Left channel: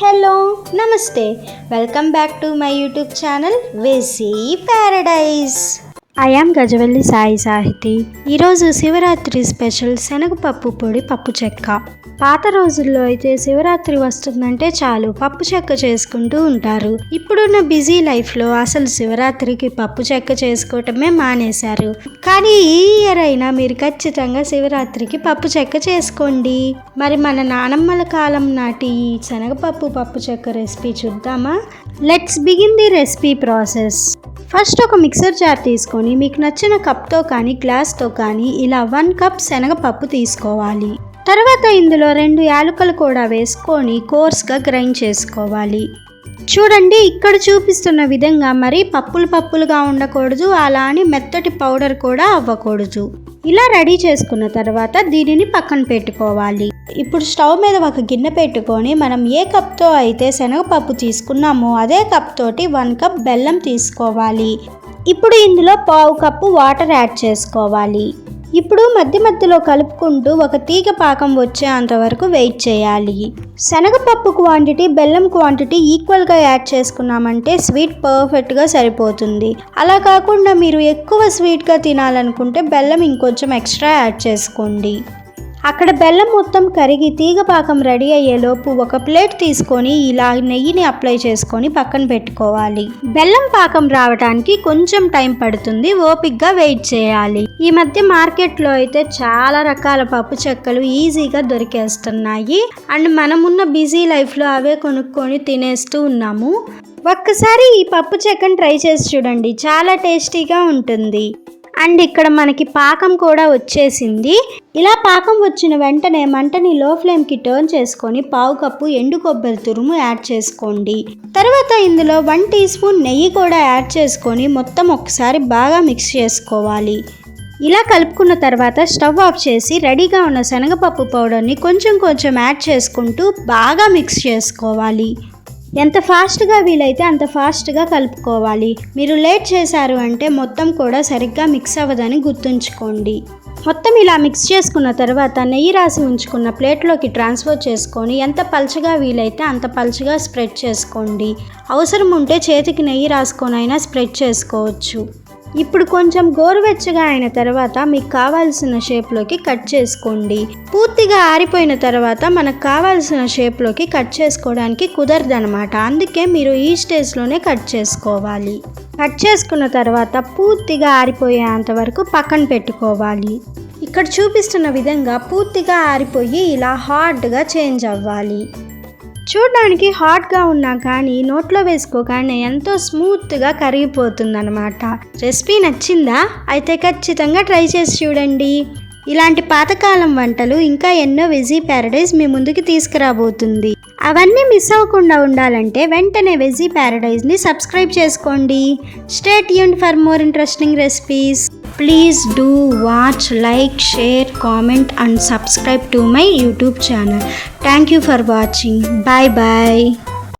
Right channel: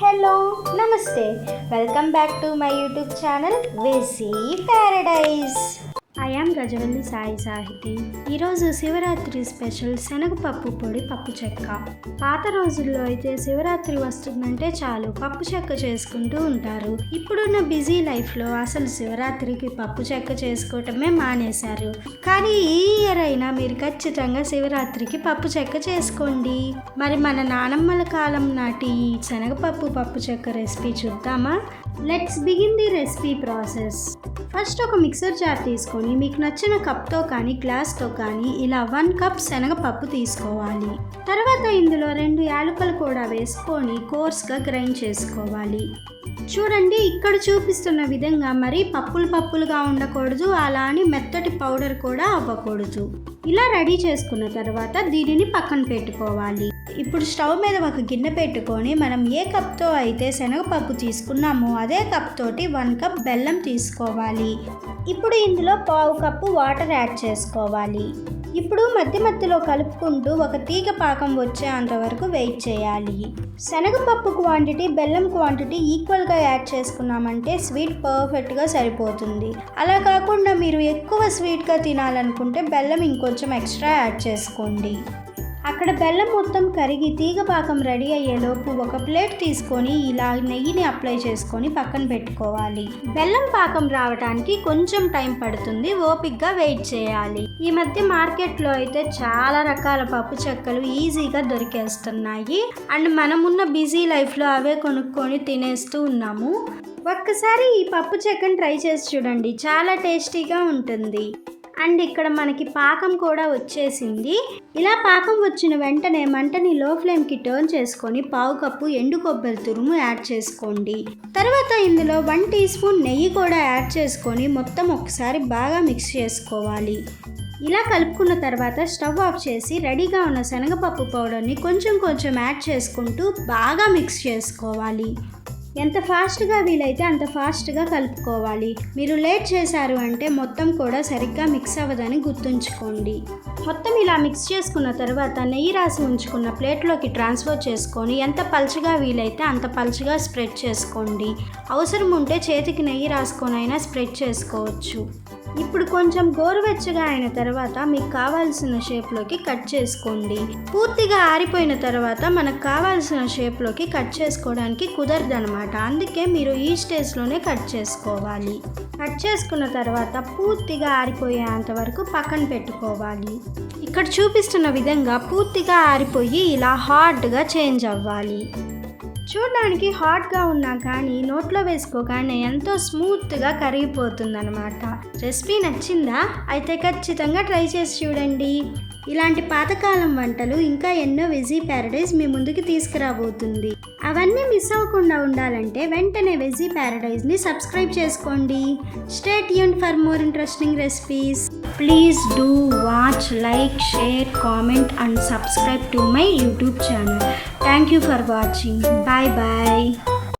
Hello నమస్తే welcome back to my YouTube channel veggie paradise. I am Gajavalli Sai Sahithi. ఈరోజు Shivaratri special శనగపప్పు పొడి పప్పు చెక్క. పాత రోజుల్లో అయితే శివరాత్రి వస్తుందంటే చాలు పప్పు చెక్క చేసుకుంటూ ఉంటారు. ఇప్పుడున్న బిజీ లైఫ్లో అసలు శివరాత్రికి పప్పు చెక్క చేసుకోవటమే మానేశారు. కానీ ఈ ఇయర్ అయినా మీరు ఖచ్చితంగా శివరాత్రికి పప్పు చెక్క చేసుకోండి. మరి మన నానమ్మల కాలం నాటి ఈ శనగపప్పు పప్పు చెక్క రెసిపీ చూద్దామా? Let's begin the recipe process. First ఒక మిక్సర్ జార్ తీసుకొని మీకు నచ్చిన కప్తో కానీ గ్లాస్తో కానీ ఇలా 1 కప్ శనగపప్పు తీసుకోవాలి. తర్వాత ఇందులో 2 యాలకులు కూడా వేసుకొని కోర్స్గా గ్రైండ్ చేసుకోవాలి. చూడండి, ఇక్కడ చూపిస్తున్న విధంగా మరి పప్పులుగా ఉండకూడదు, అలా అని మెత్తటి పౌడర్ కూడా అవ్వకూడదు. ఇలా రెడీ చేసుకున్న తర్వాత దీనిని పక్కన పెట్టుకోవాలి. ఇప్పుడు స్టవ్ మీద ఒక గిన్నె పెట్టుకొని మనం ఏ కప్తో అయితే శనగపప్పు తీసుకున్నామో అదే కప్ తోటి 1 కప్ బెల్లం తీసుకోవాలి. ఇప్పుడు ఇందులో 1/2 కప్పు వాటర్ యాడ్ చేసుకోవాలి. ఇప్పుడు మధ్యలో కలుపుకుంటూ ఒక తీగ పాకం వచ్చేంత వరకు వెయిట్ చేయాలి. శనగపప్పు క్వాంటిటీ బెల్లం క్వాంటిటీ ఈక్వల్గా యాడ్ చేసుకున్నామంటే స్వీట్ పర్ఫెక్ట్గా సరిపోతుంది. అలా కాకుండా మీరు ఎక్కువ స్వీట్గా తినాలనుకుంటే బెల్లం ఇంకొంచెం ఎక్స్ట్రా యాడ్ చేసుకోండి. అక్కడ బెల్లం మొత్తం కరిగి తీగ పాకం రెడీ అయ్యేలోపు ఒక ప్లేట్ తీసుకొని ఇలా నెయ్యిని అప్లై చేసుకొని పక్కన పెట్టుకోవాలి. బెల్లం పాకం రావడానికి కొంచెం టైం పడుతుంది, ఓపిక్గా వెయిట్ చేయాలి. ఈ మధ్య మార్కెట్లో అయితే చాలా రకాల పప్పు చెక్కలు ఈజీగా దొరికేస్తున్నాయి. అండ్ మనమున్న బిజీ లైఫ్లో అవే కొనుక్కొని తినేస్తూ ఉన్నాము. ఒక్కసారి ఈ పప్పు చెక్కను ట్రై చేసి చూడండి, చాలా టేస్టీగా ఉంటుంది. అండ్ ఇక్కడ మనకి పాకం కూడా వచ్చేసింది. ఇలా పాకం వచ్చిన వెంటనే మంటని లో ఫ్లేమ్కి టర్న్ చేసుకొని 1/2 కప్పు ఎండు కొబ్బరి తురుము యాడ్ చేసుకోండి. తర్వాత ఇందులో 1 టీ స్పూన్ నెయ్యి కూడా యాడ్ చేసుకొని మొత్తం ఒకసారి బాగా మిక్స్ చేసుకోవాలి. ఇలా కలుపుకున్న తర్వాత స్టవ్ ఆఫ్ చేసి రెడీగా ఉన్న శనగపప్పు పౌడర్ని కొంచెం యాడ్ చేసుకుంటూ బాగా మిక్స్ చేసుకోవాలి. ఎంత ఫాస్ట్గా వీలైతే అంత ఫాస్ట్గా కలుపుకోవాలి. మీరు లేట్ చేశారు అంటే మొత్తం కూడా సరిగ్గా మిక్స్ అవ్వదని గుర్తుంచుకోండి. మొత్తం ఇలా మిక్స్ చేసుకున్న తర్వాత నెయ్యి రాసి ఉంచుకున్న ప్లేట్లోకి ట్రాన్స్ఫర్ చేసుకొని ఎంత పల్చగా వీలైతే అంత పల్చగా స్ప్రెడ్ చేసుకోండి. అవసరం ఉంటే చేతికి నెయ్యి రాసుకొని అయినా స్ప్రెడ్ చేసుకోవచ్చు. ఇప్పుడు కొంచెం గోరువెచ్చగా అయిన తర్వాత మీకు కావాల్సిన షేప్లోకి కట్ చేసుకోండి. పూర్తిగా ఆరిపోయిన తర్వాత మనకు కావాల్సిన షేప్లోకి కట్ చేసుకోవడానికి కుదరదనమాట. అందుకే మీరు ఈ స్టేజ్లోనే కట్ చేసుకోవాలి. కట్ చేసుకున్న తర్వాత పూర్తిగా ఆరిపోయేంత వరకు పక్కన పెట్టుకోవాలి. ఇక్కడ చూపిస్తున్న విధంగా పూర్తిగా ఆరిపోయి ఇలా హార్డ్గా చేంజ్ అవ్వాలి. చూడడానికి హాట్గా ఉన్నా కానీ నోట్లో వేసుకోగానే ఎంతో స్మూత్గా కరిగిపోతుందన్నమాట. రెసిపీ నచ్చిందా? అయితే ఖచ్చితంగా ట్రై చేసి చూడండి. ఇలాంటి పాతకాలం వంటలు ఇంకా ఎన్నో వెజీ ప్యారడైజ్ మీ ముందుకి తీసుకురాబోతుంది. అవన్నీ మిస్ అవ్వకుండా ఉండాలంటే వెంటనే వెజీ ప్యారడైజ్ని సబ్స్క్రైబ్ చేసుకోండి. Stay tuned for more interesting recipes. Please do watch, like, share, comment and subscribe to my YouTube channel. Thank you for watching. Bye bye.